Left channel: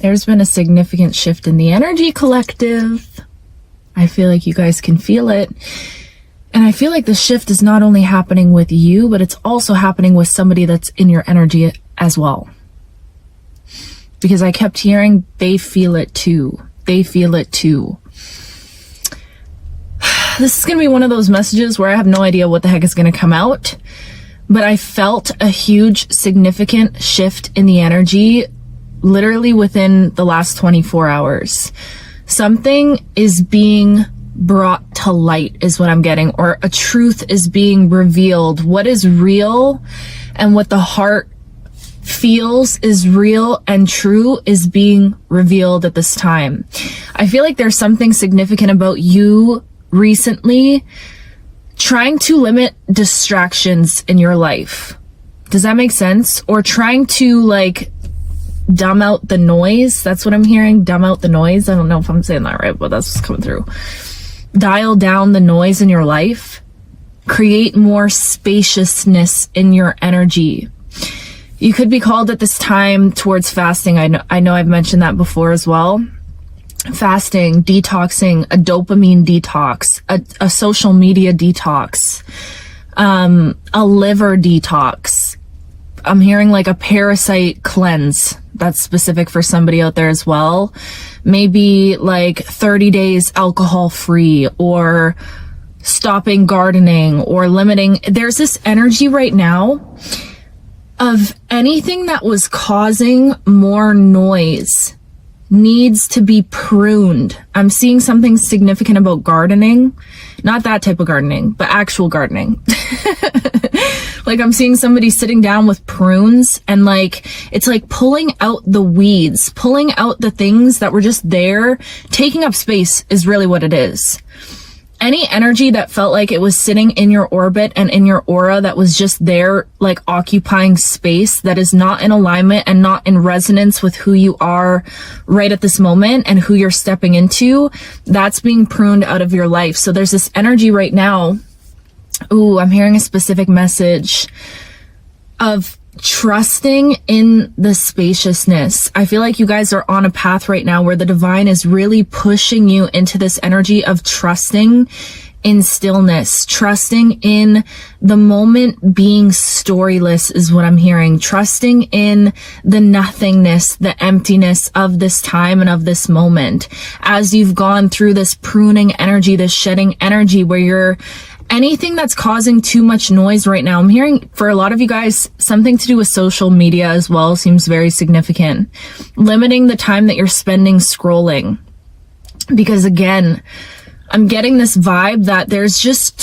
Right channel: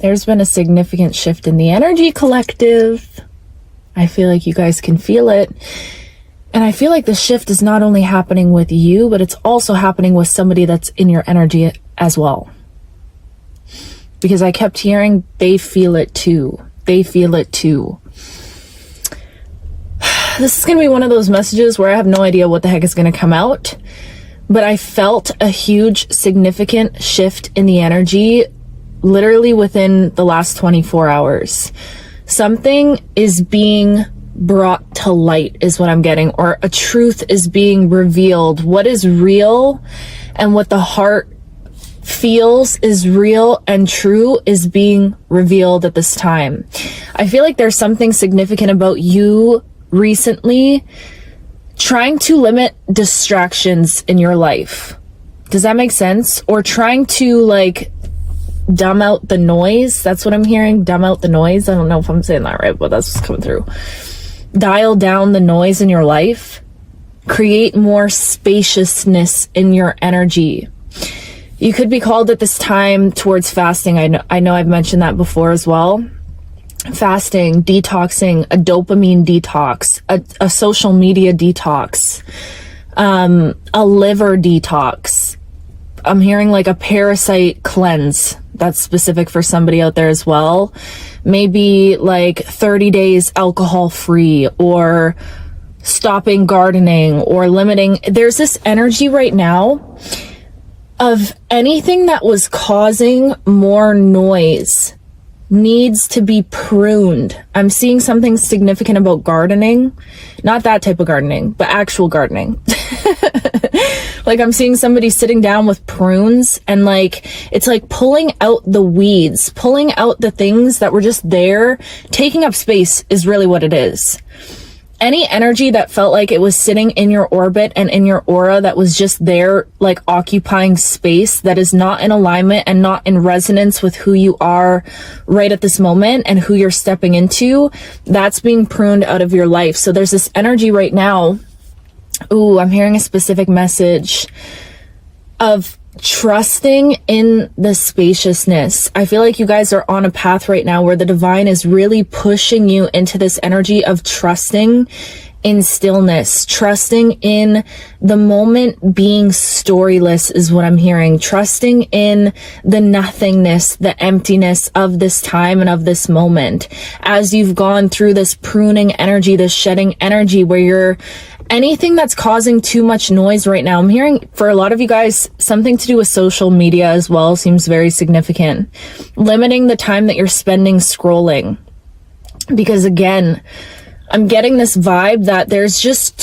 There's been a significant shift in the energy collective. I feel like you guys can feel it. And I feel like the shift is not only happening with you, but it's also happening with somebody that's in your energy as well. Because I kept hearing they feel it too. They feel it too. This is going to be one of those messages where I have no idea what the heck is going to come out. But I felt a huge, significant shift in the energy literally within the last 24 hours. Something is being brought to light is what I'm getting, or a truth is being revealed. What is real and what the heart feels is real and true is being revealed at this time. I feel like there's something significant about you recently trying to limit distractions in your life. Does that make sense? Or trying to like dumb out the noise. That's what I'm hearing. Dumb out the noise. I don't know if I'm saying that right, but that's what's coming through. Dial down the noise in your life. Create more spaciousness in your energy. You could be called at this time towards fasting. I know I've mentioned that before as well. Fasting, detoxing, a dopamine detox, a social media detox, a liver detox. I'm hearing like a parasite cleanse. That's specific for somebody out there as well. Maybe like 30 days alcohol free, or stopping gardening, or limiting. There's this energy right now of anything that was causing more noise needs to be pruned. I'm seeing something significant about gardening. Not that type of gardening, but actual gardening. Like I'm seeing somebody sitting down with prunes and like, it's like pulling out the weeds, pulling out the things that were just there. Taking up space is really what it is. Any energy that felt like it was sitting in your orbit and in your aura that was just there, like occupying space that is not in alignment and not in resonance with who you are right at this moment and who you're stepping into, that's being pruned out of your life. So there's this energy right now. Ooh, I'm hearing a specific message of trusting in the spaciousness. I feel like you guys are on a path right now where the divine is really pushing you into this energy of trusting in stillness, trusting in the moment being storyless is what I'm hearing, trusting in the nothingness, the emptiness of this time and of this moment. As you've gone through this pruning energy, this shedding energy where you're anything that's causing too much noise right now. I'm hearing for a lot of you guys, something to do with social media as well seems very significant. Limiting the time that you're spending scrolling. Because again, I'm getting this vibe that there's just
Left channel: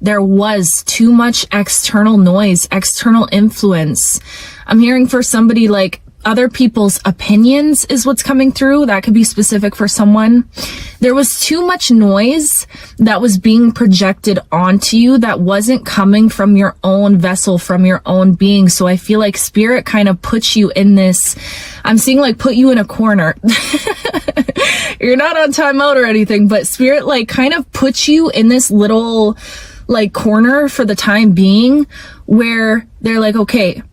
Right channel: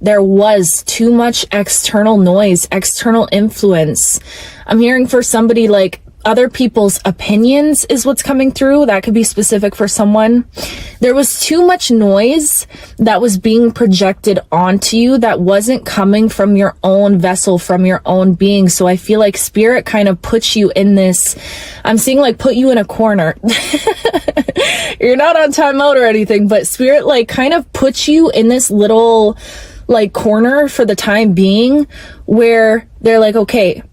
there was too much external noise, external influence. I'm hearing for somebody like other people's opinions is what's coming through. That could be specific for someone. There was too much noise that was being projected onto you that wasn't coming from your own vessel, from your own being. So I feel like spirit kind of puts you in this, I'm seeing like put you in a corner. You're not on timeout or anything, but spirit like kind of puts you in this little like corner for the time being where they're like, okay,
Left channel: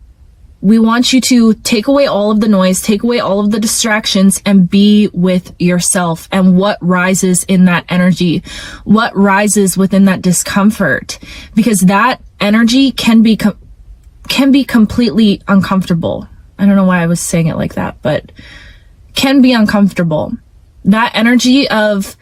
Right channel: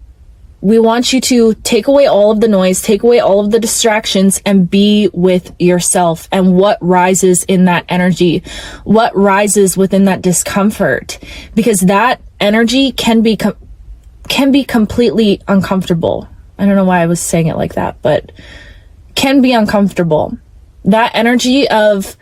we want you to take away all of the noise, take away all of the distractions, and be with yourself and what rises in that energy, what rises within that discomfort, because that energy can be completely uncomfortable. I don't know why I was saying it like that, but can be uncomfortable. That energy of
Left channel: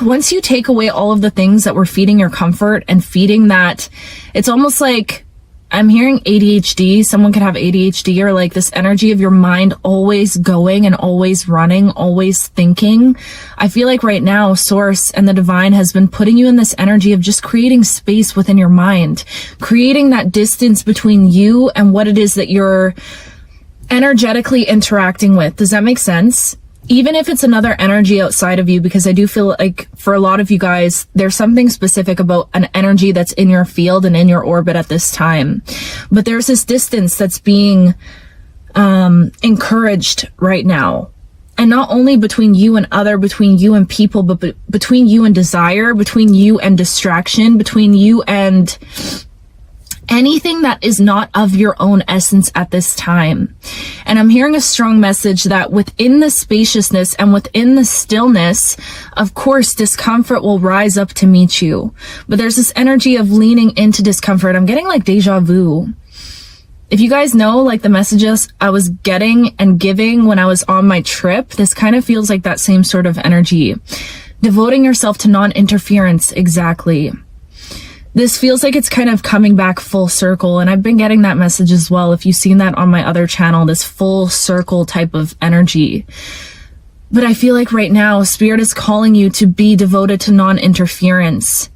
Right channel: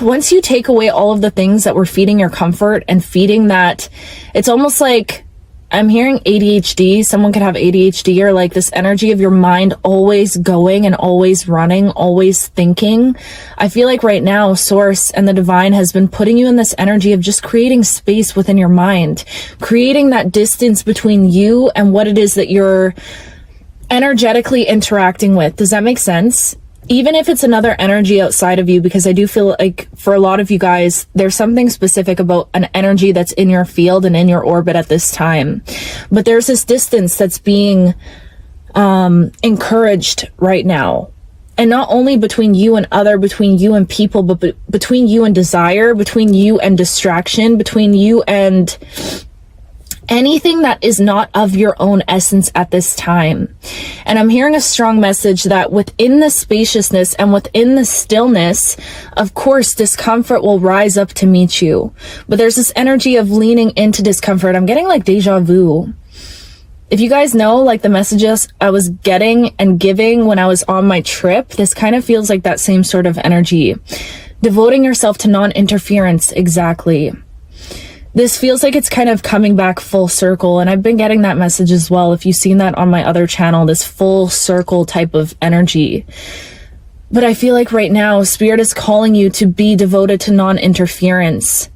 once you take away all of the things that were feeding your comfort and feeding that, it's almost like I'm hearing ADHD. Someone could have ADHD, or like this energy of your mind always going and always running, always thinking. I feel like right now, Source and the divine has been putting you in this energy of just creating space within your mind, creating that distance between you and what it is that you're energetically interacting with. Does that make sense? Even if it's another energy outside of you, because I do feel like for a lot of you guys, there's something specific about an energy that's in your field and in your orbit at this time. But there's this distance that's being encouraged right now. And not only between you and between you and people, but between you and desire, between you and distraction, between you and anything that is not of your own essence at this time. And I'm hearing a strong message that within the spaciousness and within the stillness, of course, discomfort will rise up to meet you. But there's this energy of leaning into discomfort. I'm getting like deja vu. If you guys know, like the messages I was getting and giving when I was on my trip, this kind of feels like that same sort of energy. Devoting yourself to non-interference, exactly. This feels like it's kind of coming back full circle, and I've been getting that message as well. If you've seen that on my other channel, this full circle type of energy. But I feel like right now, Spirit is calling you to be devoted to non-interference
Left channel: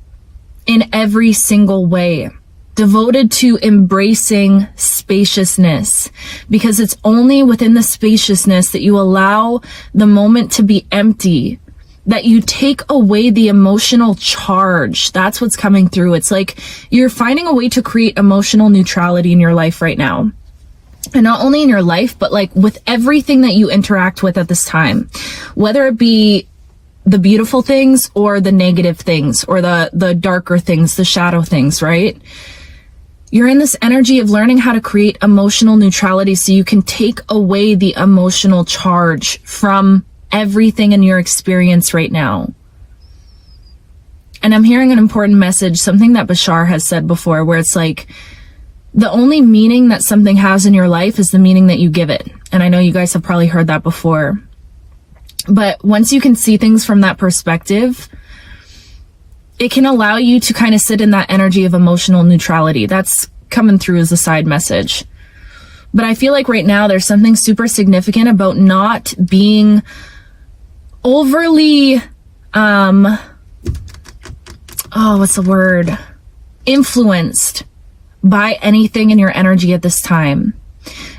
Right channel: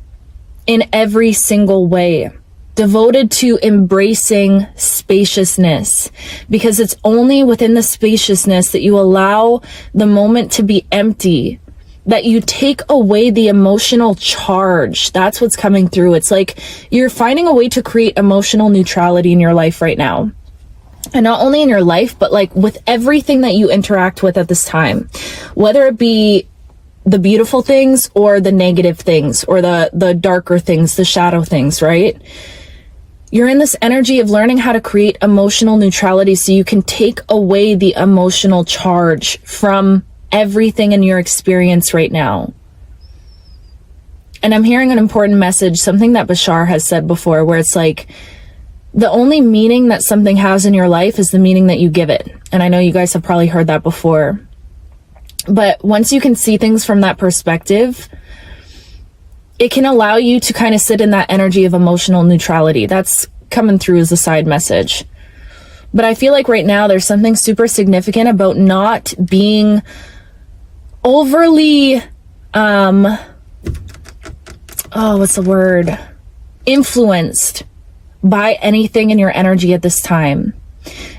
in every single way. Devoted to embracing spaciousness, because it's only within the spaciousness that you allow the moment to be empty, that you take away the emotional charge. That's what's coming through. It's like you're finding a way to create emotional neutrality in your life right now. And not only in your life, but like with everything that you interact with at this time, whether it be the beautiful things or the negative things or the darker things, the shadow things, right? You're in this energy of learning how to create emotional neutrality so you can take away the emotional charge from everything in your experience right now. And I'm hearing an important message, something that Bashar has said before, where it's like, the only meaning that something has in your life is the meaning that you give it. And I know you guys have probably heard that before. But once you can see things from that perspective, it can allow you to kind of sit in that energy of emotional neutrality. That's coming through as a side message. But I feel like right now there's something super significant about not being overly, influenced by anything in your energy at this time.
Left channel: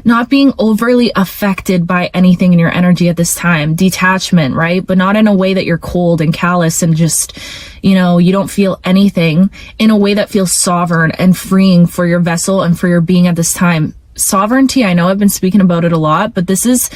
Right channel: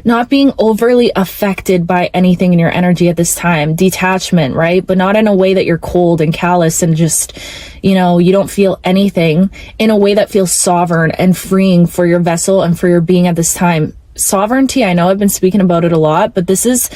Not being overly affected by anything in your energy at this time. Detachment, right? But not in a way that you're cold and callous and just, you don't feel anything. In a way that feels sovereign and freeing for your vessel and for your being at this time. Sovereignty, I know I've been speaking about it a lot, but this is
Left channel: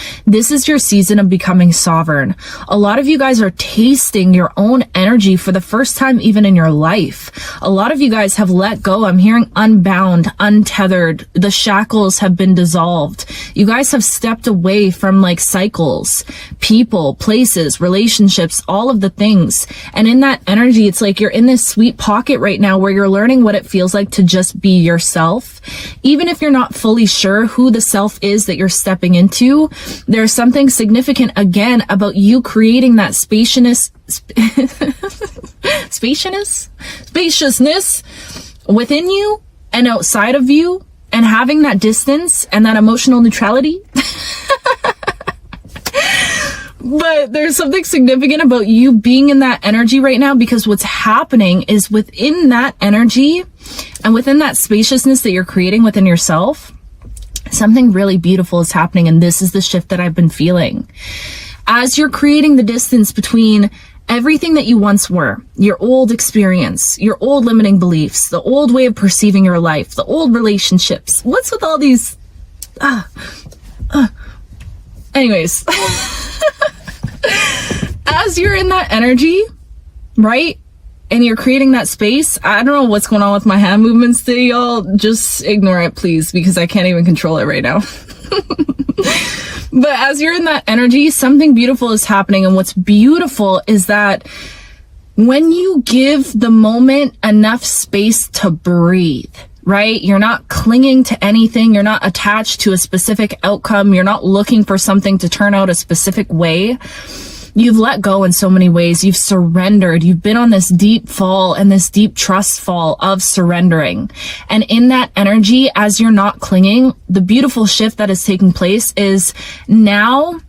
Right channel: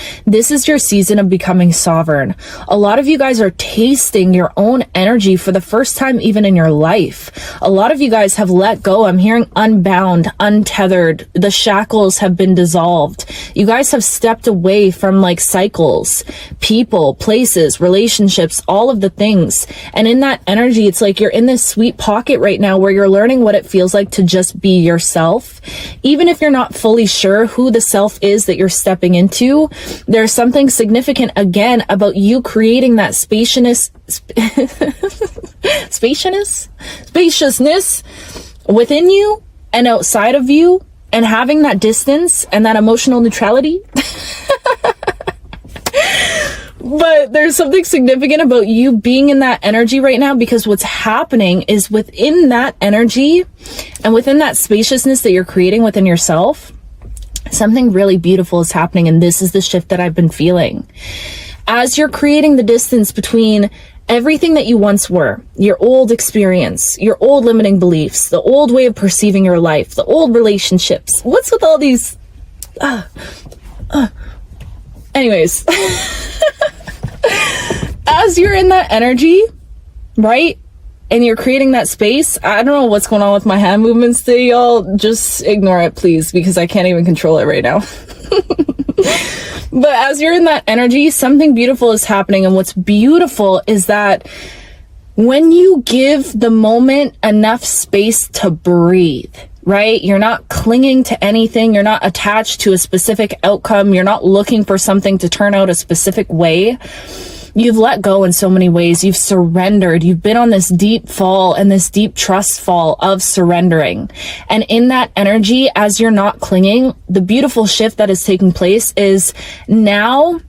your season of becoming sovereign. A lot of you guys are tasting your own energy for the first time even in your life. A lot of you guys have let go. I'm hearing unbound, untethered. The shackles have been dissolved. You guys have stepped away from like cycles, people, places, relationships, all of the things. And in that energy, it's like you're in this sweet pocket right now where you're learning what it feels like to just be yourself. Even if you're not fully sure who the self is that you're stepping into, there's something significant again about you creating that spaciousness within you and outside of you, and having that distance and that emotional neutrality. But there's something significant about you being in that energy right now, because what's happening is within that energy and within that spaciousness that you're creating within yourself, something really beautiful is happening. And this is the shift that I've been feeling. As you're creating the distance between everything that you once were, your old experience, your old limiting beliefs, the old way of perceiving your life, the old relationships. What's with all these? Anyways, as you're in that energy, right? And you're creating that space. I don't know what's going on with my hand movements today, y'all. Just ignore it, please, because I can't even control it right now. But as you're in that energy, something beautiful is happening. And what's beautiful is that when you give the moment enough space to breathe, right? You're not clinging to anything. You're not attached to a specific outcome. You're not looking for something to turn out a specific way. You've let go in so many ways. You've surrendered. You've been on this deep fall and this deep trust fall of surrendering. And in that energy, as you're not clinging, the beautiful shift that is taking place is now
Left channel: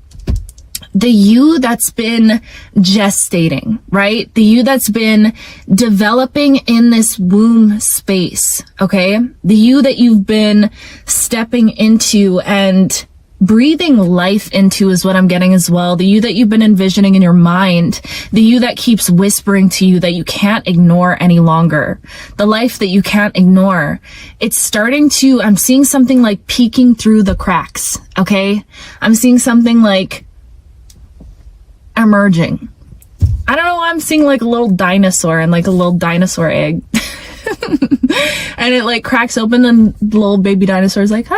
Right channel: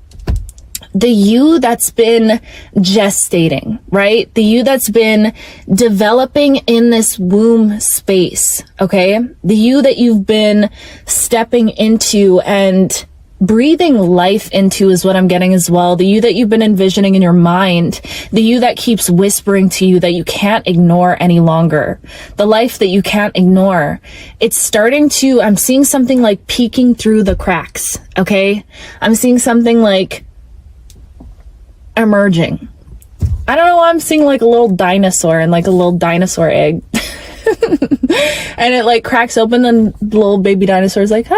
the you that's been gestating, right? The you that's been developing in this womb space, okay? The you that you've been stepping into and breathing life into is what I'm getting as well. The you that you've been envisioning in your mind, the you that keeps whispering to you that you can't ignore any longer, the life that you can't ignore. It's starting to, I'm seeing something like peeking through the cracks, okay? I'm seeing something like emerging. I don't know, I'm seeing like a little dinosaur and like a little dinosaur egg. And it like cracks open and the little baby dinosaur is like,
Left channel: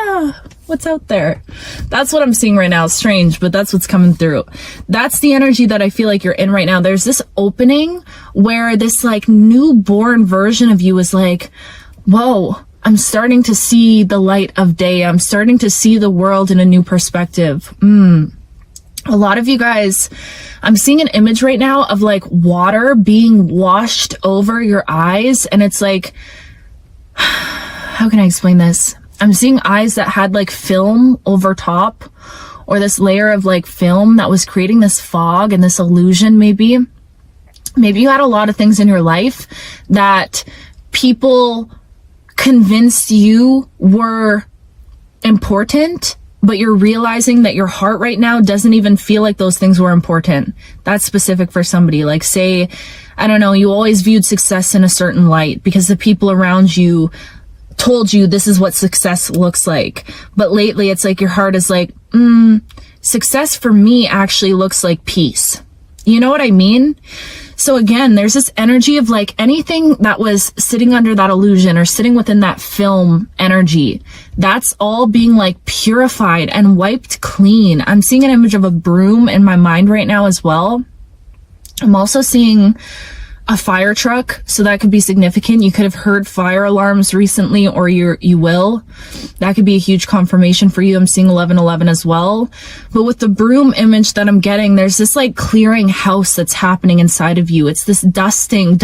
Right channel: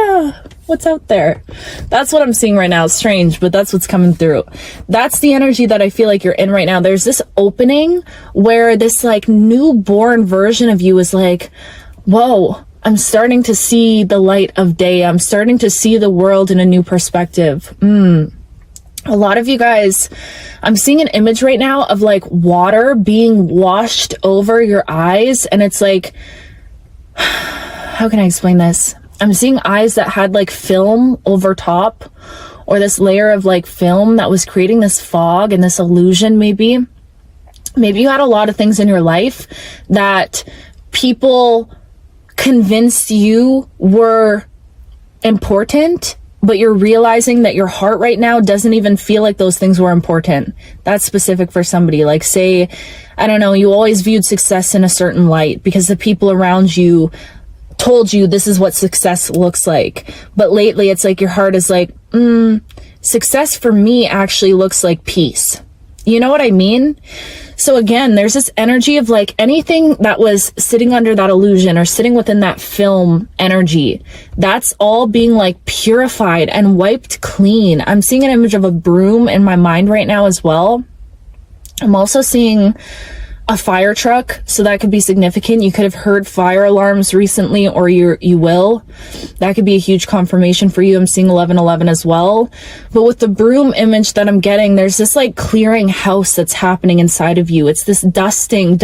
what's out there? That's what I'm seeing right now. It's strange, but that's what's coming through. That's the energy that I feel like you're in right now. There's this opening where this like newborn version of you is like, whoa, I'm starting to see the light of day. I'm starting to see the world in a new perspective. A lot of you guys, I'm seeing an image right now of like water being washed over your eyes. And it's like, how can I explain this? I'm seeing eyes that had like film over top, or this layer of like film that was creating this fog and this illusion. Maybe you had a lot of things in your life that people convinced you were important, but you're realizing that your heart right now doesn't even feel like those things were important. That's specific for somebody. Like, say, I don't know, you always viewed success in a certain light because the people around you told you this is what success looks like. But lately it's like your heart is like, success for me actually looks like peace. You know what I mean? So again, there's this energy of like anything that was sitting under that illusion or sitting within that film energy, that's all being like purified and wiped clean. I'm seeing an image of a broom in my mind right now as well. I'm also seeing a fire truck, so that could be significant. You could have heard fire alarms recently, or you will. That could be a huge confirmation for you. I'm seeing 1111 as well. But with the broom image that I'm getting, there's this like clearing house that's happening inside of you. It's this dusting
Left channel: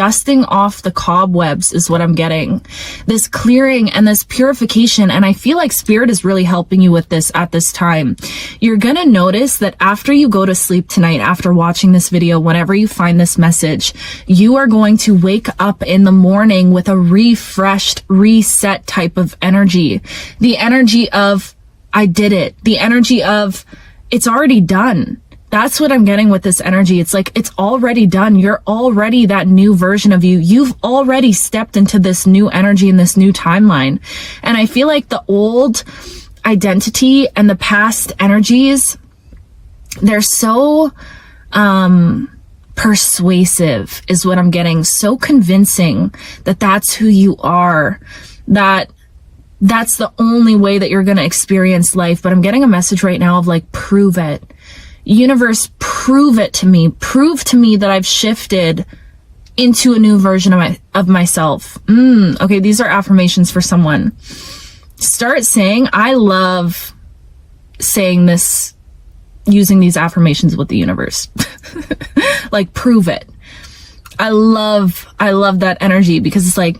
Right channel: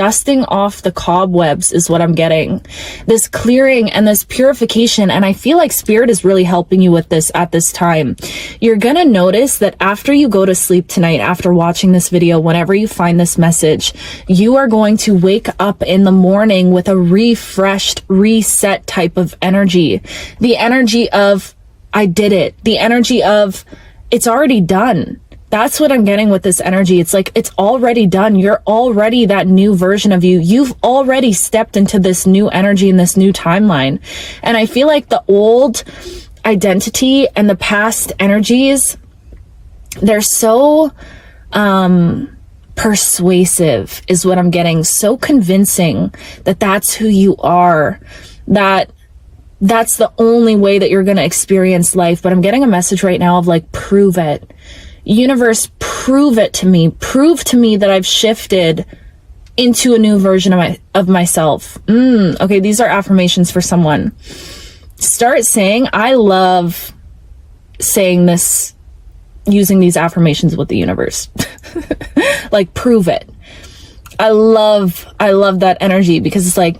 off the cobwebs is what I'm getting. This clearing and this purification. And I feel like Spirit is really helping you with this at this time. You're gonna notice that after you go to sleep tonight, after watching this video, whenever you find this message, you are going to wake up in the morning with a refreshed, reset type of energy. The energy of, I did it. The energy of, it's already done. That's what I'm getting with this energy. It's like, it's already done. You're already that new version of you. You've already stepped into this new energy and this new timeline. And I feel like the old identity and the past energies, they're so, persuasive is what I'm getting. So convincing that that's who you are, that that's the only way that you're going to experience life. But I'm getting a message right now of like, prove it. Universe, prove it to me. Prove to me that I've shifted into a new version of myself. Okay, these are affirmations for someone. Start saying, I love saying this, using these affirmations with the universe. Like, prove it. I love that energy, because it's like,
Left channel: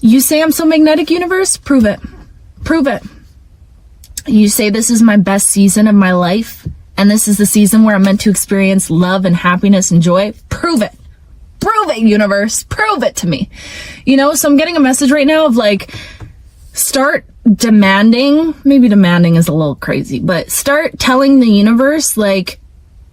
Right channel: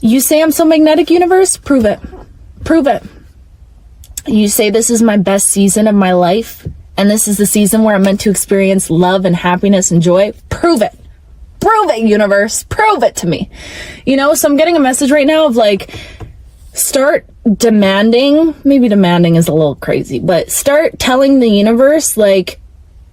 you say I'm so magnetic, universe, prove it. Prove it. You say this is my best season of my life, and this is the season where I'm meant to experience love and happiness and joy. Prove it. Prove it, universe. Prove it to me. You know, so I'm getting a message right now of like, start demanding, maybe demanding is a little crazy, but start telling the universe, like,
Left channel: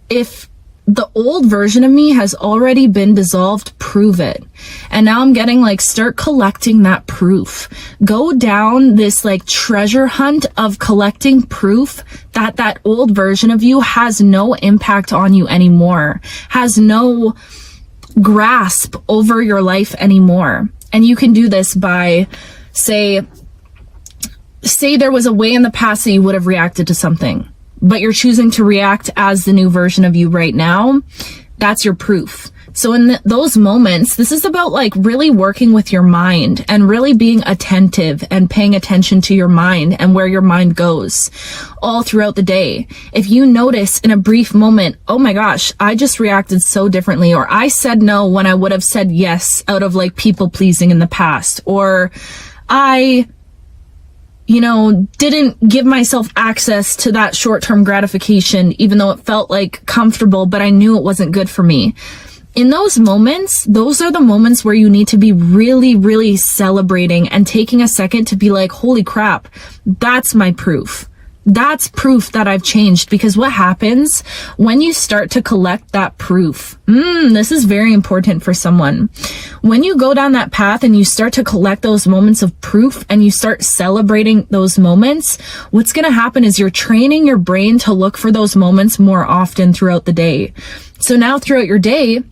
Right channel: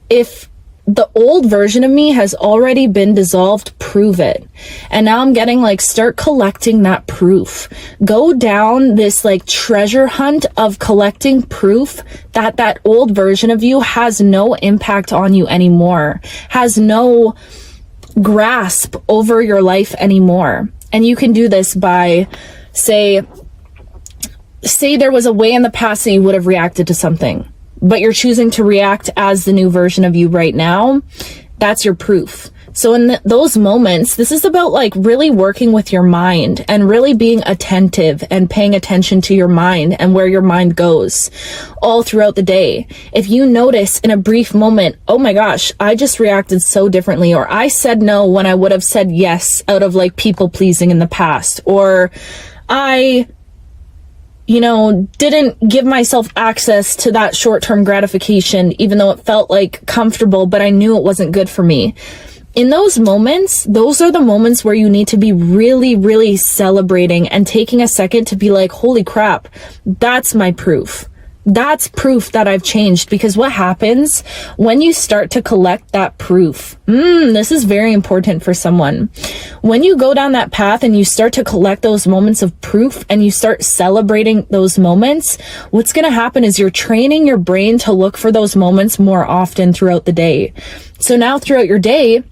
if the old version of me has already been dissolved, prove it. And now I'm getting like, start collecting that proof. Go down this like treasure hunt of collecting proof that that old version of you has no impact on you anymore, has no grasp over your life anymore. And you can do this by, say there was a way in the past that you would have reacted to something, but you're choosing to react as the new version of you right now. That's your proof. So in those moments, this is about like really working with your mind and really being attentive and paying attention to your mind and where your mind goes all throughout the day. If you notice in a brief moment, oh my gosh, I just reacted so differently, or I said no when I would have said yes out of like people pleasing in the past, or I didn't give myself access to that short-term gratification, even though it felt like comfortable, but I knew it wasn't good for me. In those moments, those are the moments where you need to be really, really celebrating and taking a second to be like, holy crap, that's my proof. That's proof that I've changed. Because what happens when you start to collect that proof? This is very important for someone. When you go down that path and you start to collect those moments of proof and you start celebrating those moments, what's going to happen is you're training your brain to look for those moments more often throughout the day. So now throughout your day,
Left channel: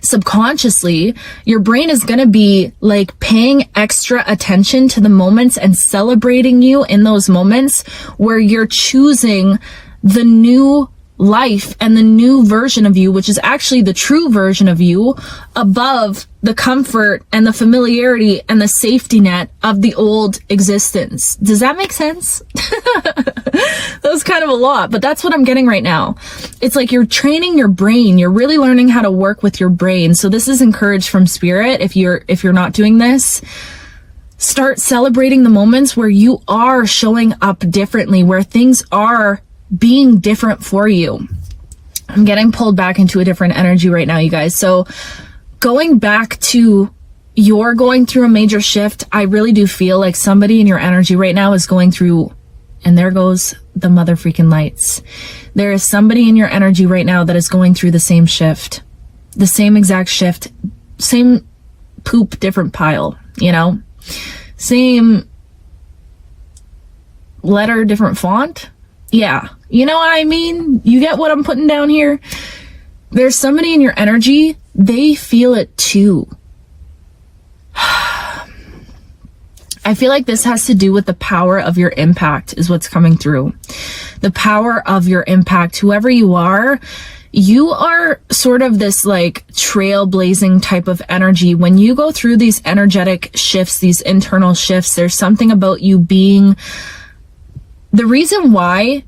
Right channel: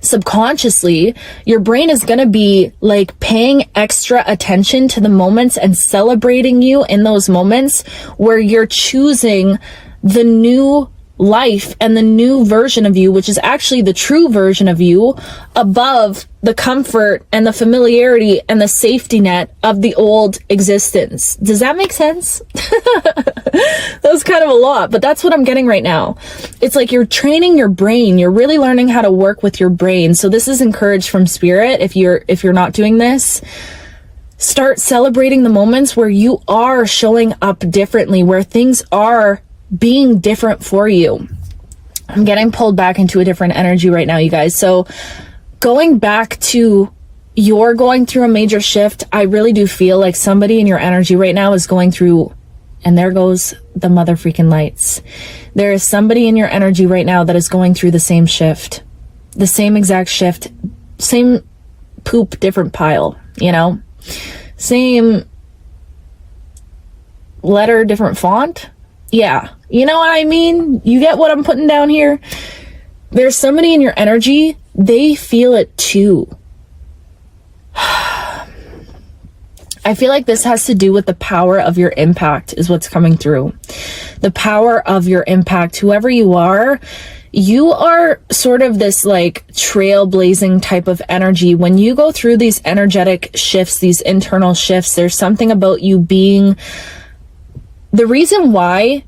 subconsciously, your brain is going to be like paying extra attention to the moments and celebrating you in those moments where you're choosing the new life and the new version of you, which is actually the true version of you, above the comfort and the familiarity and the safety net of the old existence. Does that make sense? That was kind of a lot, but that's what I'm getting right now. It's like you're training your brain. You're really learning how to work with your brain. So this is encouraged from spirit. If you're not doing this, start celebrating the moments where you are showing up differently, where things are being different for you. I'm getting pulled back into a different energy right now, you guys. So going back to you're going through a major shift, I really do feel like somebody in your energy right now is going through, and there goes the mother freaking lights. There is somebody in your energy right now that is going through the same shift, the same exact shift, same poop, different pile, you know, same letter, different font. Yeah. You know what I mean? You get what I'm putting down here? There's somebody in your energy, they feel it too. I feel like this has to do with the power of your impact is what's coming through. The power of your impact. Whoever you are sort of this like trailblazing type of energy. When you go through these energetic shifts, these internal shifts, there's something about you being the reason why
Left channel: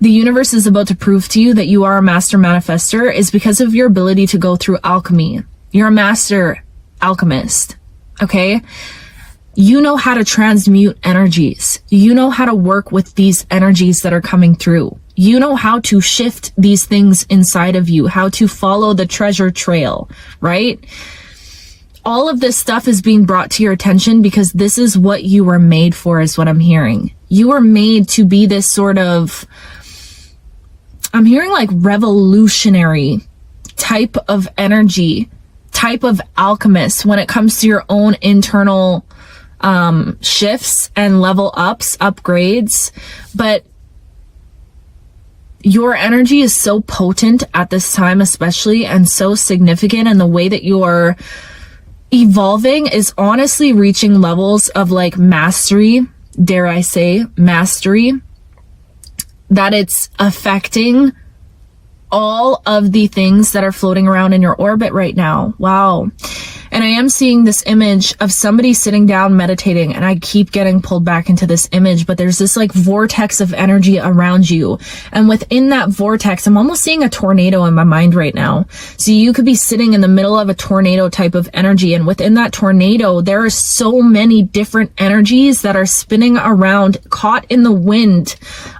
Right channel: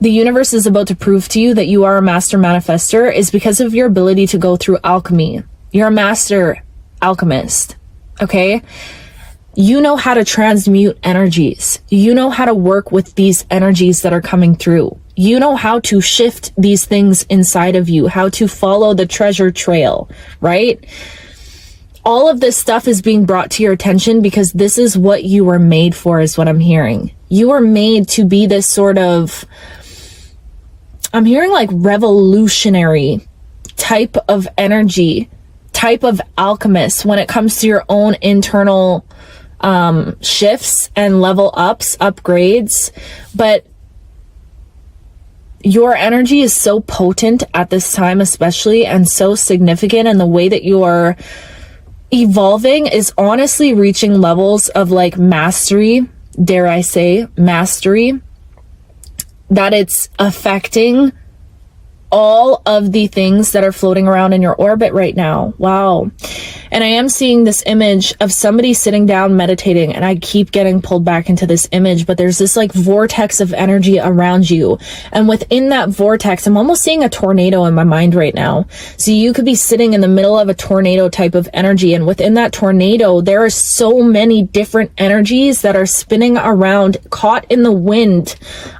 the universe is about to prove to you that you are a master manifester is because of your ability to go through alchemy. You're a master alchemist, okay? You know how to transmute energies. You know how to work with these energies that are coming through. You know how to shift these things inside of you, how to follow the treasure trail, right? All of this stuff is being brought to your attention because this is what you were made for, is what I'm hearing. You were made to be this sort of, I'm hearing like revolutionary type of energy, type of alchemist when it comes to your own internal shifts and level ups, upgrades. But your energy is so potent at this time, especially, and so significant, and the way that you are evolving is honestly reaching levels of like mastery, dare I say, mastery, that it's affecting all of the things that are floating around in your orbit right now. Wow. And I am seeing this image of somebody sitting down meditating, and I keep getting pulled back into this image, but there's this like vortex of energy around you. And within that vortex, I'm almost seeing a tornado in my mind right now. So you could be sitting in the middle of a tornado type of energy. And within that tornado, there are so many different energies that are spinning around, caught in the wind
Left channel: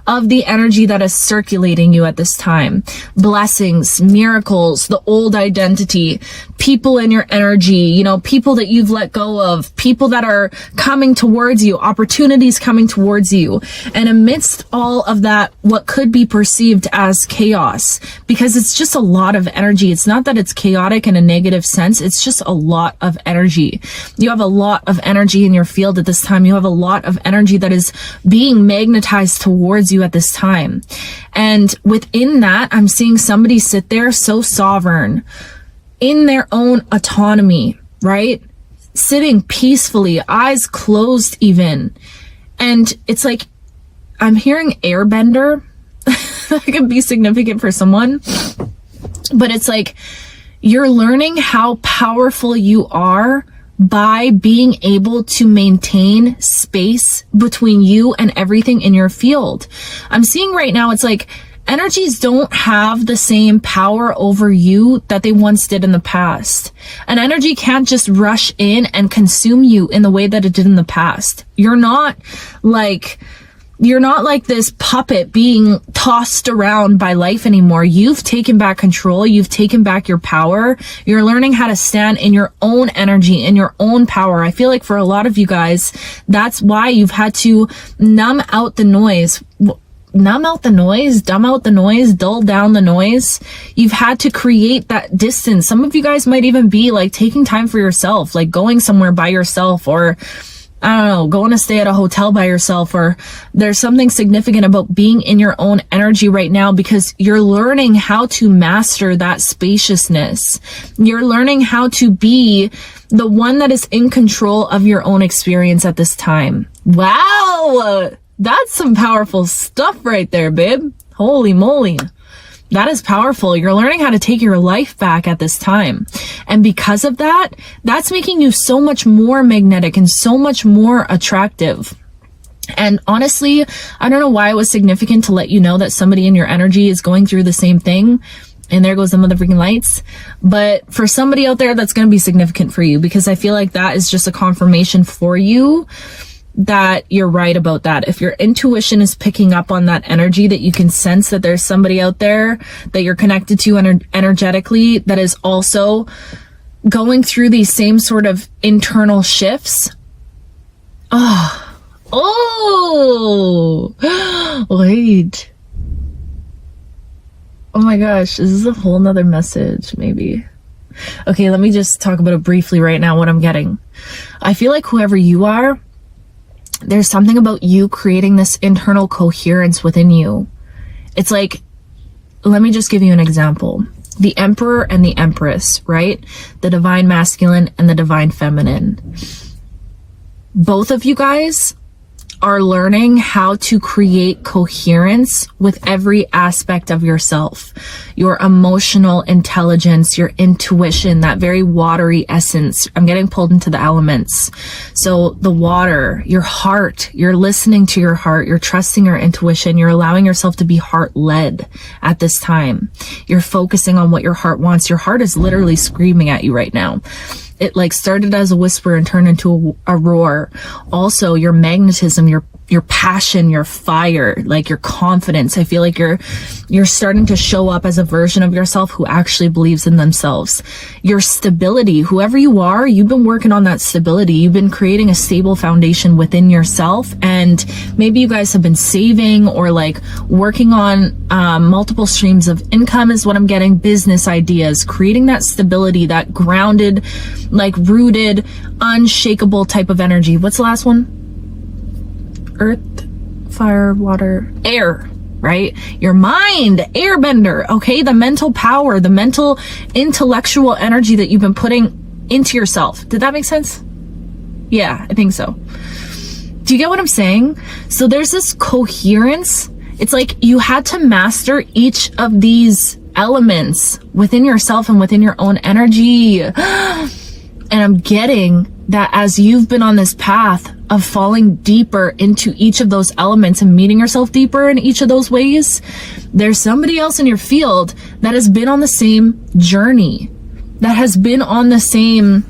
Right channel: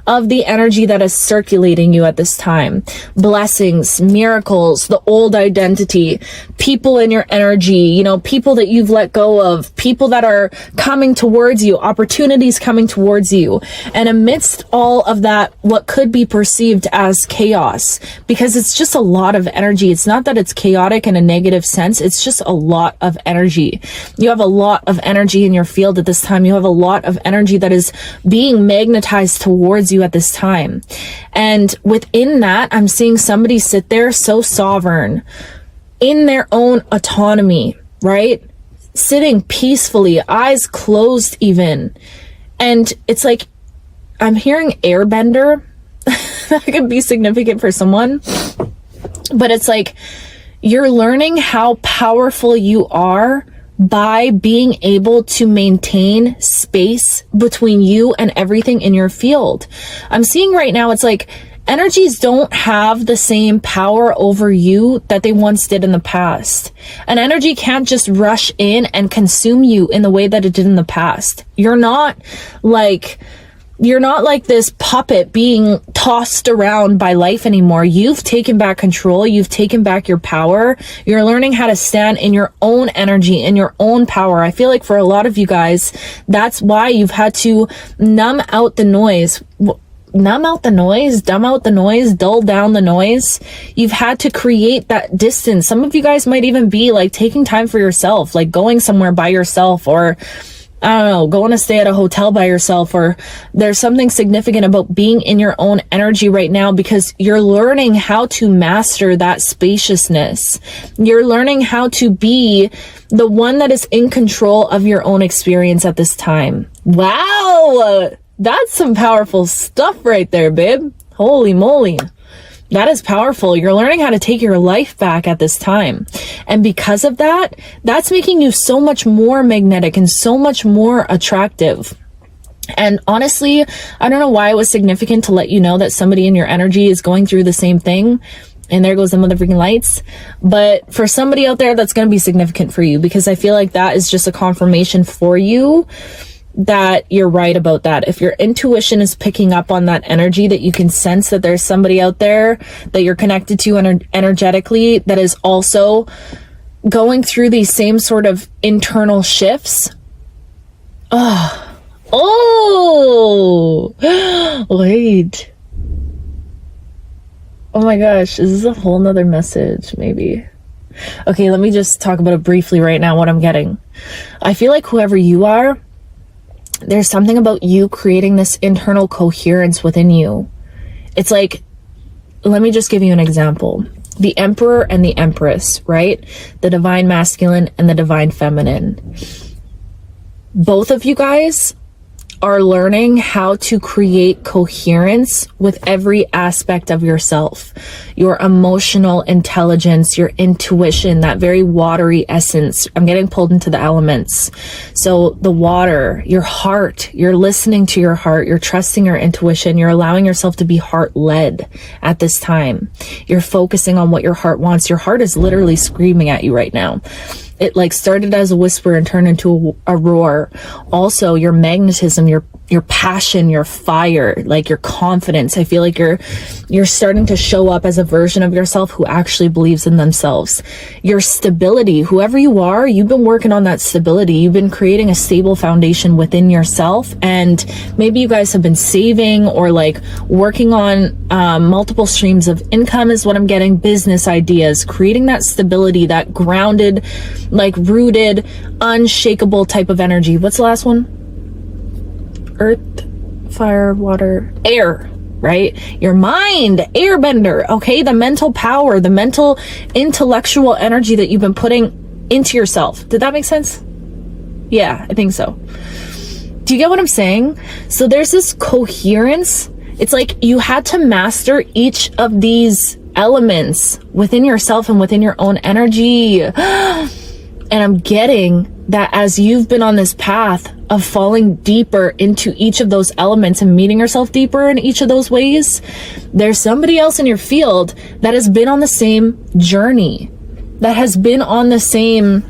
of the energy that is circulating you at this time. Blessings, miracles, the old identity, people in your energy, you know, people that you've let go of, people that are coming towards you, opportunities coming towards you. And amidst all of that, what could be perceived as chaos, because it's just a lot of energy. It's not that it's chaotic in a negative sense. It's just a lot of energy. You have a lot of energy in your field at this time. You have a lot of energy that is being magnetized towards you at this time. And within that, I'm seeing somebody sit there so sovereign in their own autonomy, right? Sitting peacefully, eyes closed even. And it's like, I'm hearing airbender. That could be significant for someone. But it's like, you're learning how powerful you are by being able to maintain space between you and everything in your field. I'm seeing right now, it's like energies don't have the same power over you that they once did in the past. An energy can't just rush in and consume you in the way that it did in the past. You're not like this puppet being tossed around by life anymore. You've taken back control. You've taken back your power. You're learning how to stand in your own energy, in your own power. I feel like for a lot of you guys, that's why you've had to numb out the noise. Numb out the noise, dumb out the noise, dull down the noise. You've had to create that distance. Some of you guys might even be like taking time for yourself, like going somewhere by yourself, or I don't know, going to stay at a hotel by yourself, or there's something significant about being in your own energy right now because you're learning how to master that spaciousness. You're learning how to be the one that is in control of your own experience at this time. Wow, that's some powerful stuff right there, babe. Holy moly. That is powerful. You're learning how to take your life back at this time. And because of that, that's making you so much more magnetic and so much more attractive. And honestly, I don't know why it was significant to let you know that somebody in your energy is going through the same thing. And there goes the motherfucking lights. But for somebody out there, that's going to be significant for you, because I feel like that is just a confirmation for you that you're right about that. If your intuition is picking up on that energy, that you can sense that there's somebody out there that you're connected to energetically that is also going through these same sort of internal shifts. Wait. Oh my gosh, is this a whole nother message? Maybe. Okay, let me just talk about it briefly right now, what I'm getting. I feel like whoever you are, there's something about you creating this internal coherence within you. It's like, let me just give you an example. The Emperor and the Empress, right? The divine masculine and the divine feminine. Both of you guys are learning how to create coherence with every aspect of yourself. Your emotional intelligence, your intuition, that very watery essence. I'm getting pulled into the elements. So the water, your heart, you're listening to your heart, you're trusting your intuition, you're allowing yourself to be heart-led at this time. You're focusing on what your heart wants. Your heart is literally screaming at you right now. It like started as a whisper and turned into a roar. Also, your magnetism, your passion, your fire, like your confidence. I feel like you're starting to show up as a version of yourself who actually believes in themselves. Your stability, whoever you are, you've been working on that stability. You've been creating a stable foundation within yourself. And maybe you guys have been saving or like working on multiple streams of income is what I'm getting. Business ideas, creating that stability, that grounded, like rooted, unshakable type of energy. What's the last one? Earth, fire, water, air, right? Your mind, airbender, okay? The mental power, the mental intellectual energy that you've been putting into yourself. Did that make sense? Yeah, I think so. Do you get what I'm saying? So there's this coherence. It's like you had to master each of these elements within yourself and within your own energy. And I'm getting that as you've been on this path of falling deeper into each of those elements and meeting yourself deeper in each of those ways, there's somebody else in your field that has been on the same journey, that has been on the same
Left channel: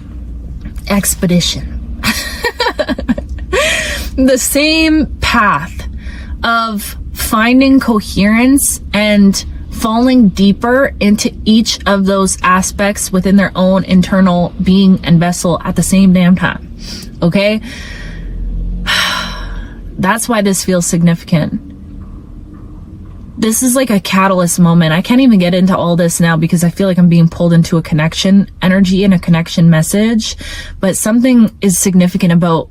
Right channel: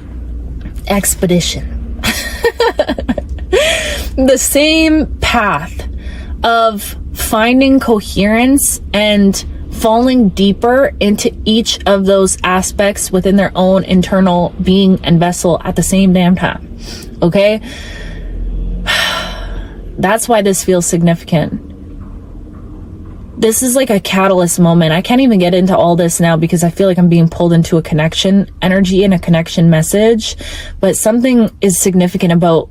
expedition, the same path of finding coherence and falling deeper into each of those aspects within their own internal being and vessel at the same damn time. Okay? That's why this feels significant. This is like a catalyst moment. I can't even get into all this now because I feel like I'm being pulled into a connection energy and a connection message. But something is significant about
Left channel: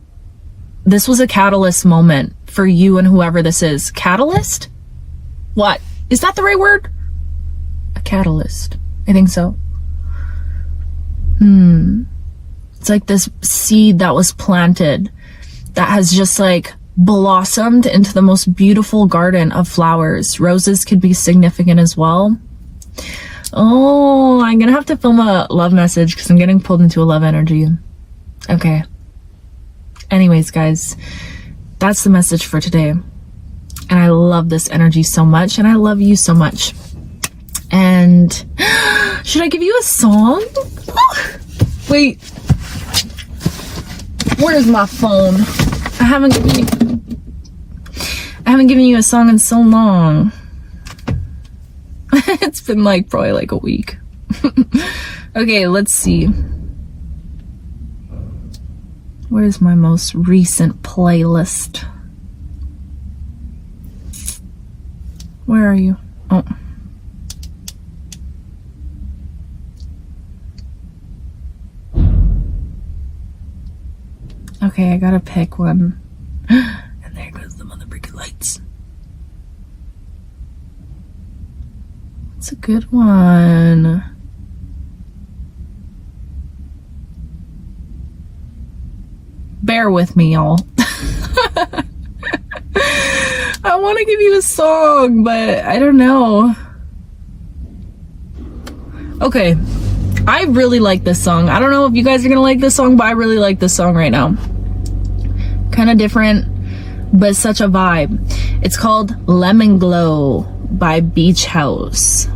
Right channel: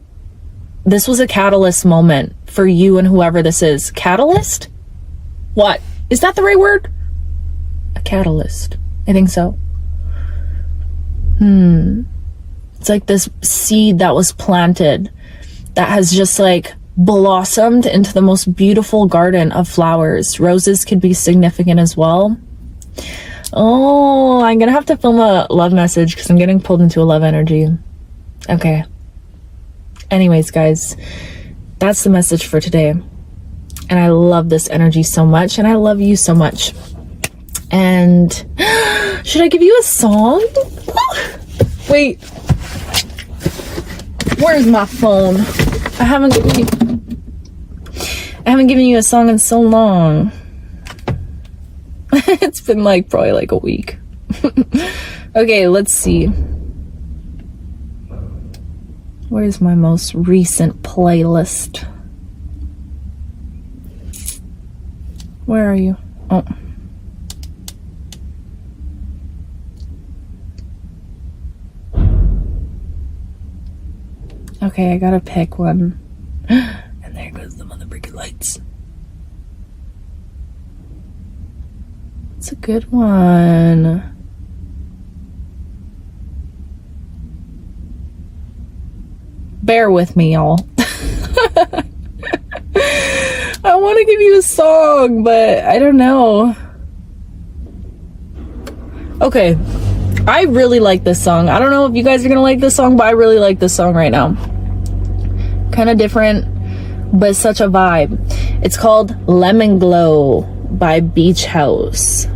this. Was a catalyst moment for you and whoever this is. Catalyst? What? Is that the right word? A catalyst. I think so. It's like this seed that was planted that has just like blossomed into the most beautiful garden of flowers. Roses could be significant as well. Oh, I'm gonna have to film a love message because I'm getting pulled into a love energy. Okay. Anyways, guys, that's the message for today. And I love this energy so much, and I love you so much. And should I give you a song? Wait. Where's my phone? I haven't given you a song in so long. It's been like probably like a week. Okay, let's see. What is my most recent playlist? Where are you? Oh. Okay, I gotta pick one. And there goes the mother freaking lights. It's a good one. Bear with me, y'all. I want to give you a song, but I don't know. Okay, I really like this song. I don't know if you guys are gonna like this song, but I really like this song right now. Kind of different, but such a vibe. It's called Lemon Glow by Beach House.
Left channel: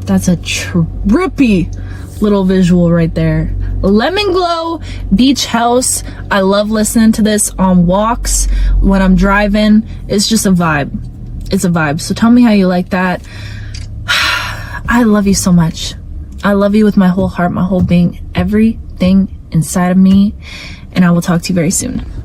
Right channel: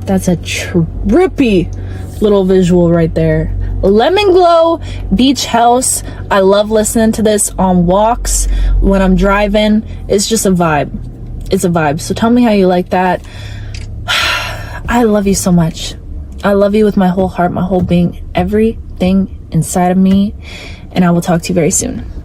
That's a trippy little visual right there. Lemon Glow, Beach House. I love listening to this on walks, when I'm driving. It's just a vibe. It's a vibe. So tell me how you like that. I love you so much. I love you with my whole heart, my whole being, everything inside of me. And I will talk to you very soon.